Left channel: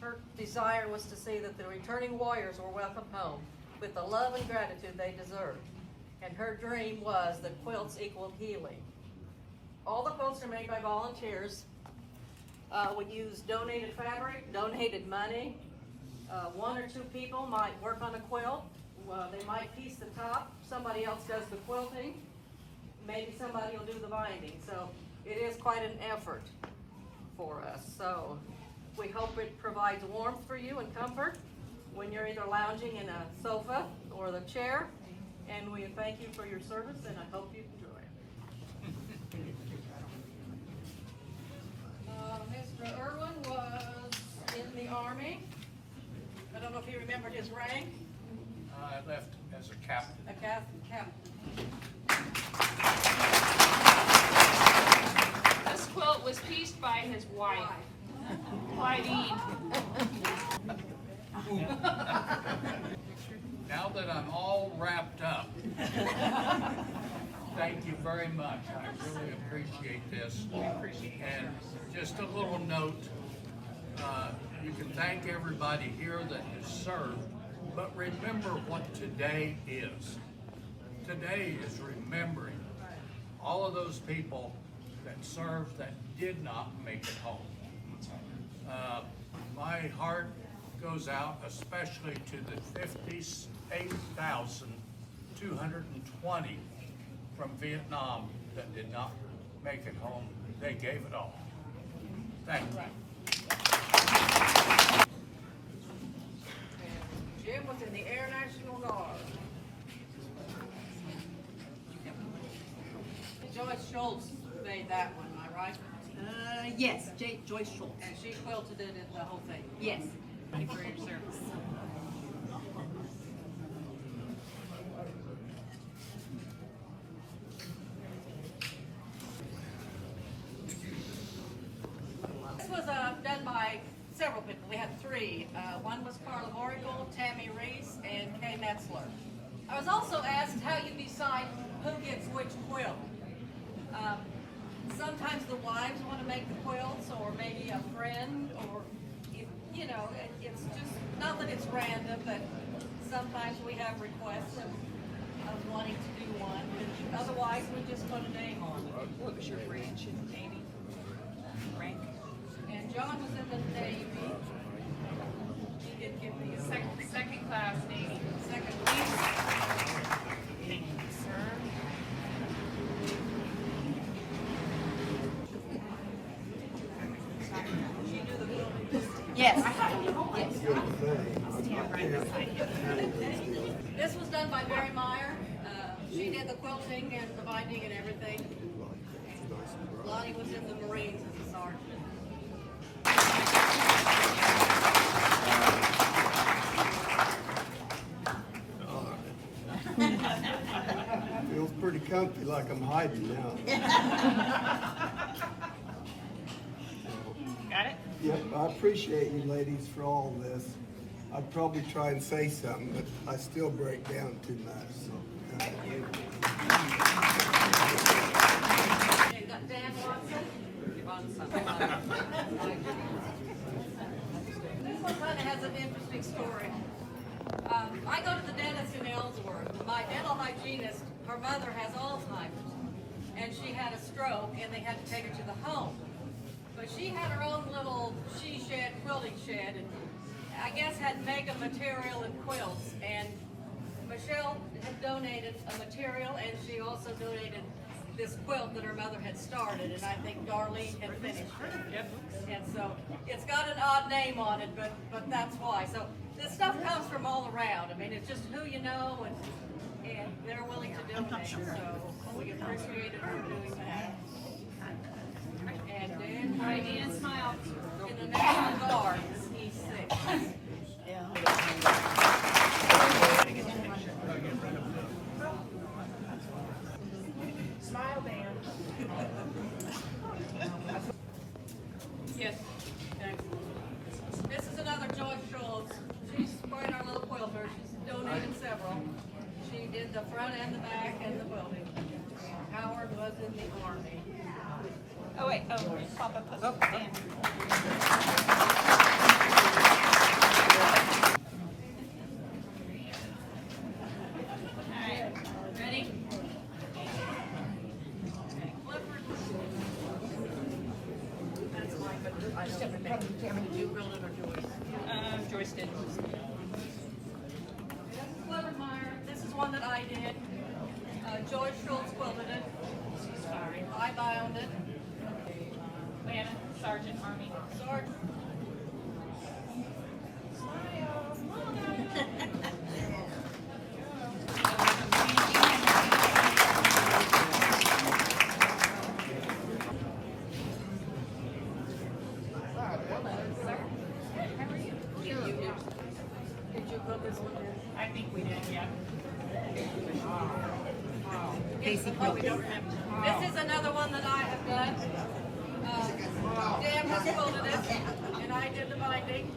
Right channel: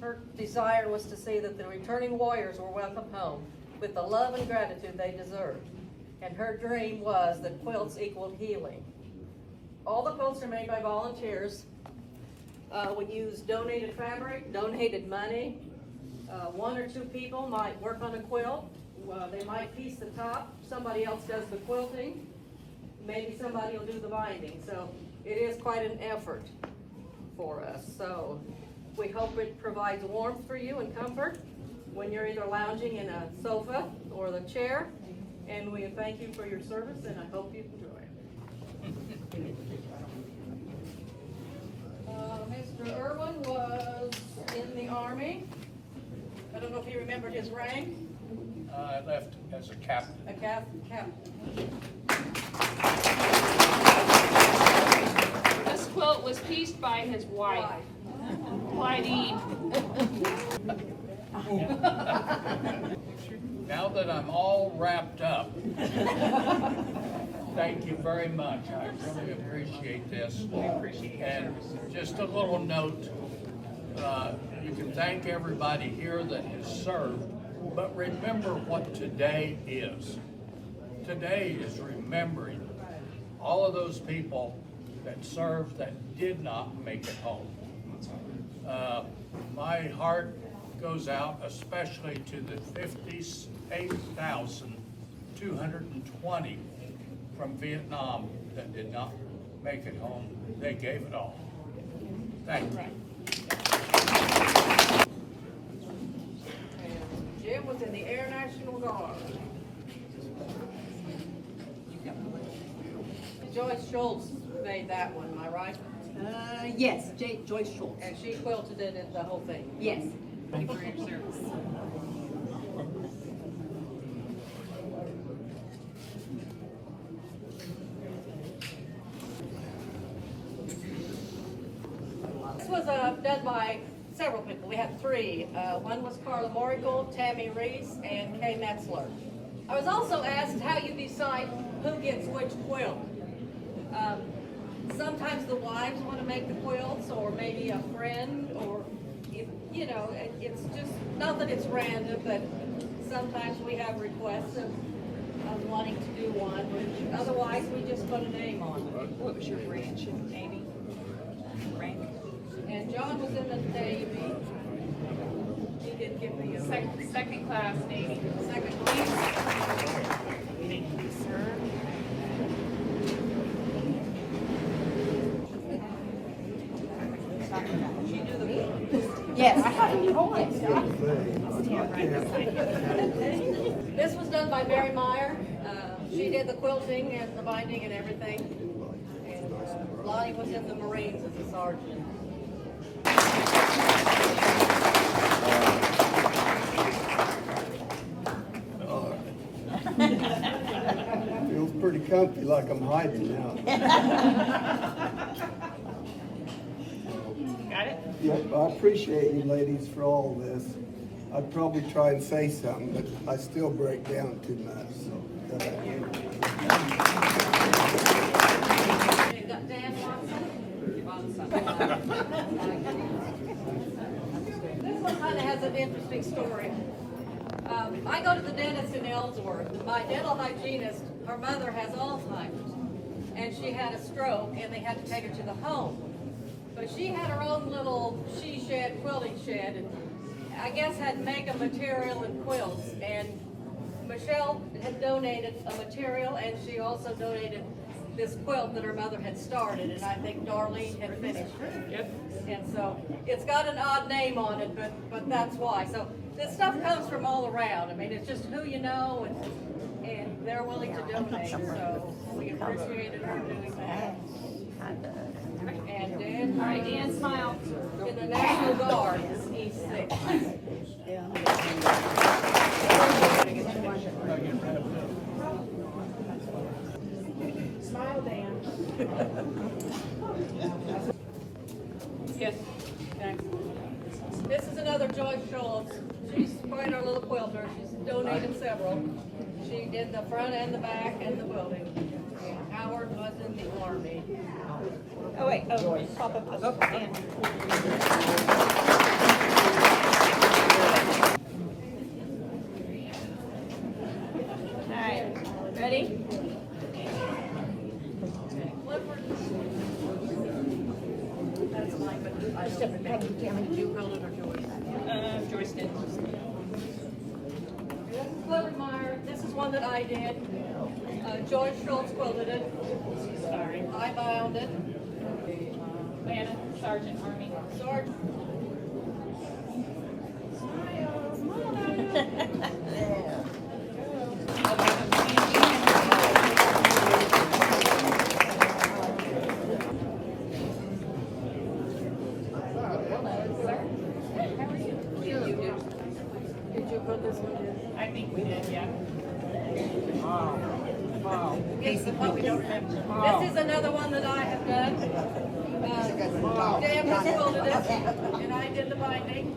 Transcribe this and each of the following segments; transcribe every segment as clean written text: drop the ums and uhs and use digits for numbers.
Her desire was to see that the returning warriors were welcome home with the love and gratitude they deserved. And her dream was that quilts equaled healing. All the quilts are made by volunteers. We use donated fabric, donated money. One or two people might work on a quilt. They might piece the top. Somebody else does the quilting. Maybe somebody will do the binding. So it is quite an effort for us. So we hope it provides warmth for you and comfort when you're either lounging in a sofa or the chair. And we thank you for your service, and I hope you enjoy it. Mr. Irwin was in the Army. I don't know if he remembered his rank. I left as a captain. A captain. This quilt was pieced by his wife, Clydine. Now that I'm all wrapped up, thank you very much. I really appreciate this. And just a little note, you can thank everybody here that has served, but remember what today is. Today is remembering all of those people that served that did not make it home. My heart goes out especially to the 58,220 from Vietnam that did not make it home. They gave it all. Thank you. And Jim was in the Air National Guard. Joyce Schultz made that one, am I right? Yes, Joyce Schultz. And she quilted it in the whole thing. Yes. Thank you for your service. This was done by several people. We had three. One was Carla Morigold, Tammy Reese, and Kay Metzler. I was also asked how you decide who gets which quilt. Sometimes the wives want to make the quilts, or maybe a friend, or you know, it's just not that it's random, but sometimes we have requests of wanting to do one. Otherwise, we just put a name on it. What was your branch, Amy? Rank? And John was in the Navy. He did give me a Second class Navy. second class. Thank you, sir. Yes. This was done by Mary Meyer. She did the quilting and the binding and everything. And Lottie was in the Marines as a sergeant. Feels pretty comfy, like I'm hiding now. Got it? Yep, I appreciate you ladies for all this. I'd probably try and say something, but I still break down too much, so. You got Dan Watson. This one kind of has an interesting story. I go to the dentist in Ellsworth. My dental hygienist, her mother has Alzheimer's, and she had a stroke, and they had to take her to the home. But she had her own little she shed, quilting shed, and I guess had mega material and quilts. And Michelle had donated a material, and she also donated this quilt that her mother had started, and I think Darlene had finished it. Yep. And so it's got an odd name on it, but that's why. So this stuff comes from all around. I mean, it's just who you know, and they're willing to donate. So we appreciate it for doing that. And Dan, All right, Dan, smile. in the National Guard, he's 6. Smile, Dan. Yes. Okay. This is another Joyce Schultz. She's quite our little quilter. She's donated several. She did the front and the back and the quilting. And Howard was in the Army. Oh, wait. Oh, pop up. That's mine, but I don't think. Did you quilt it or Joyce? Joyce did. This is Clevermeyer. This is one that I did. Joyce Schultz quilted it. Sorry. I bound it. Diana, Sergeant Army. Sergeant. Did you put this one in? I think we did, yeah. Casey, we don't have. This is another one that I have done. Dan has quilted it, and I did the binding.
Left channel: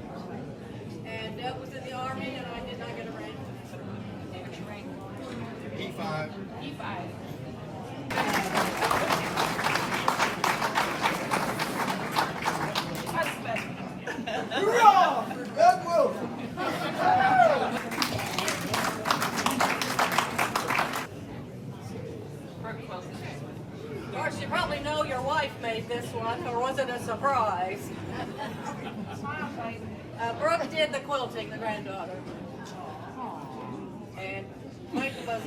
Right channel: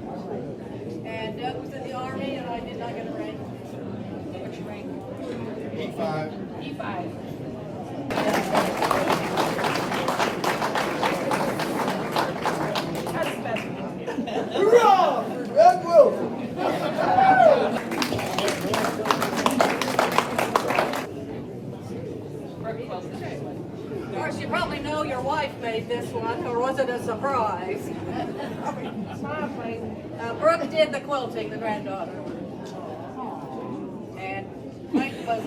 And Doug was in the Army, and I did not get a rank. Which rank? E5. E5. Hurrah! Red Wolf! Of course, you probably know your wife made this one, or was it a surprise? Brooke did the quilting, the granddaughter. And Mike was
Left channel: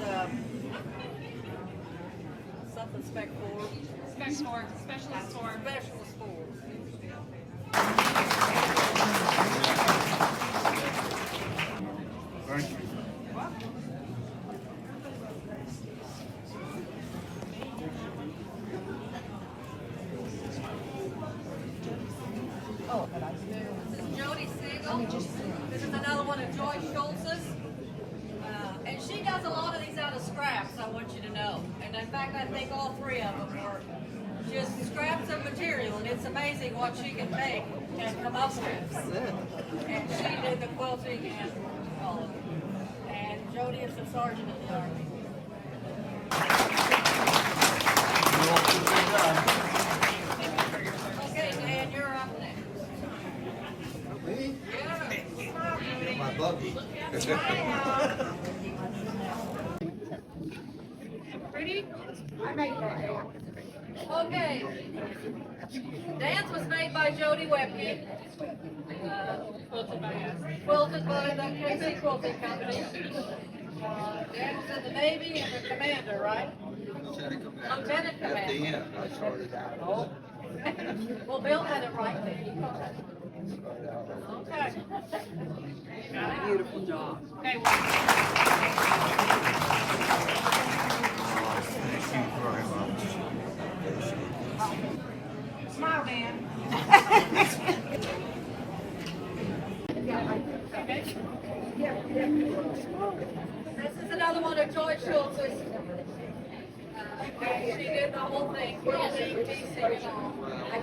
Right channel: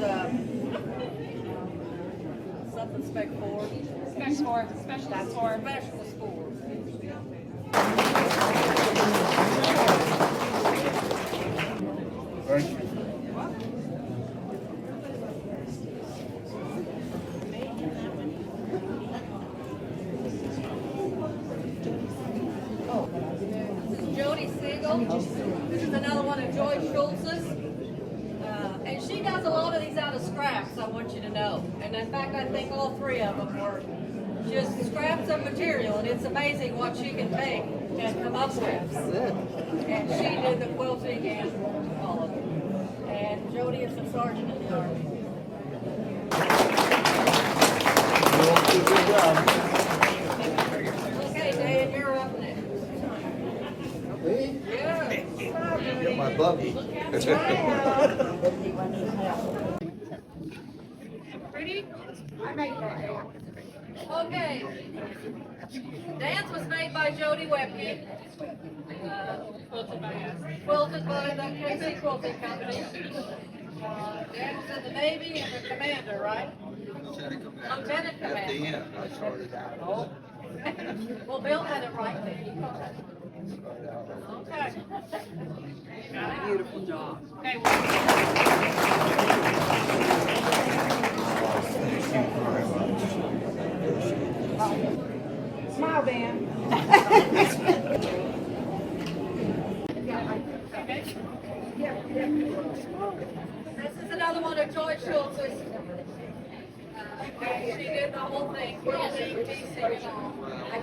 something spec 4. Spec 4. Specialist 4. Specialist 4. Thank you. Jody Siegel. This is another one of Joyce Schultz's. And she does a lot of these out of scraps, I want you to know. And in fact, I think all 3 of them were just scraps of material, and it's amazing what she can make and come up with. And she did the quilting and all of it. And Jody is the sergeant in the Army. Okay, Dan, you're up next. Me? Yeah. Get my buggy. Ready? Okay. Dance was made by Jody Webke. Quilted by us. Quilted by the KC Quilting Company. Dan was in the Navy and the commander, right? Lieutenant At the Commander. end, I started out. Oh. Well, Bill had it right there. Okay. Beautiful job. Okay, Thank you very much. Smile, Dan. This is another one of Joyce Schultz's. She did the whole thing, quilting, piecing, and all. And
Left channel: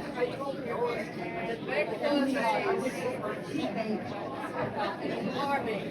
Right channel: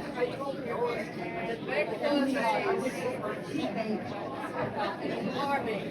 Beck was a Army.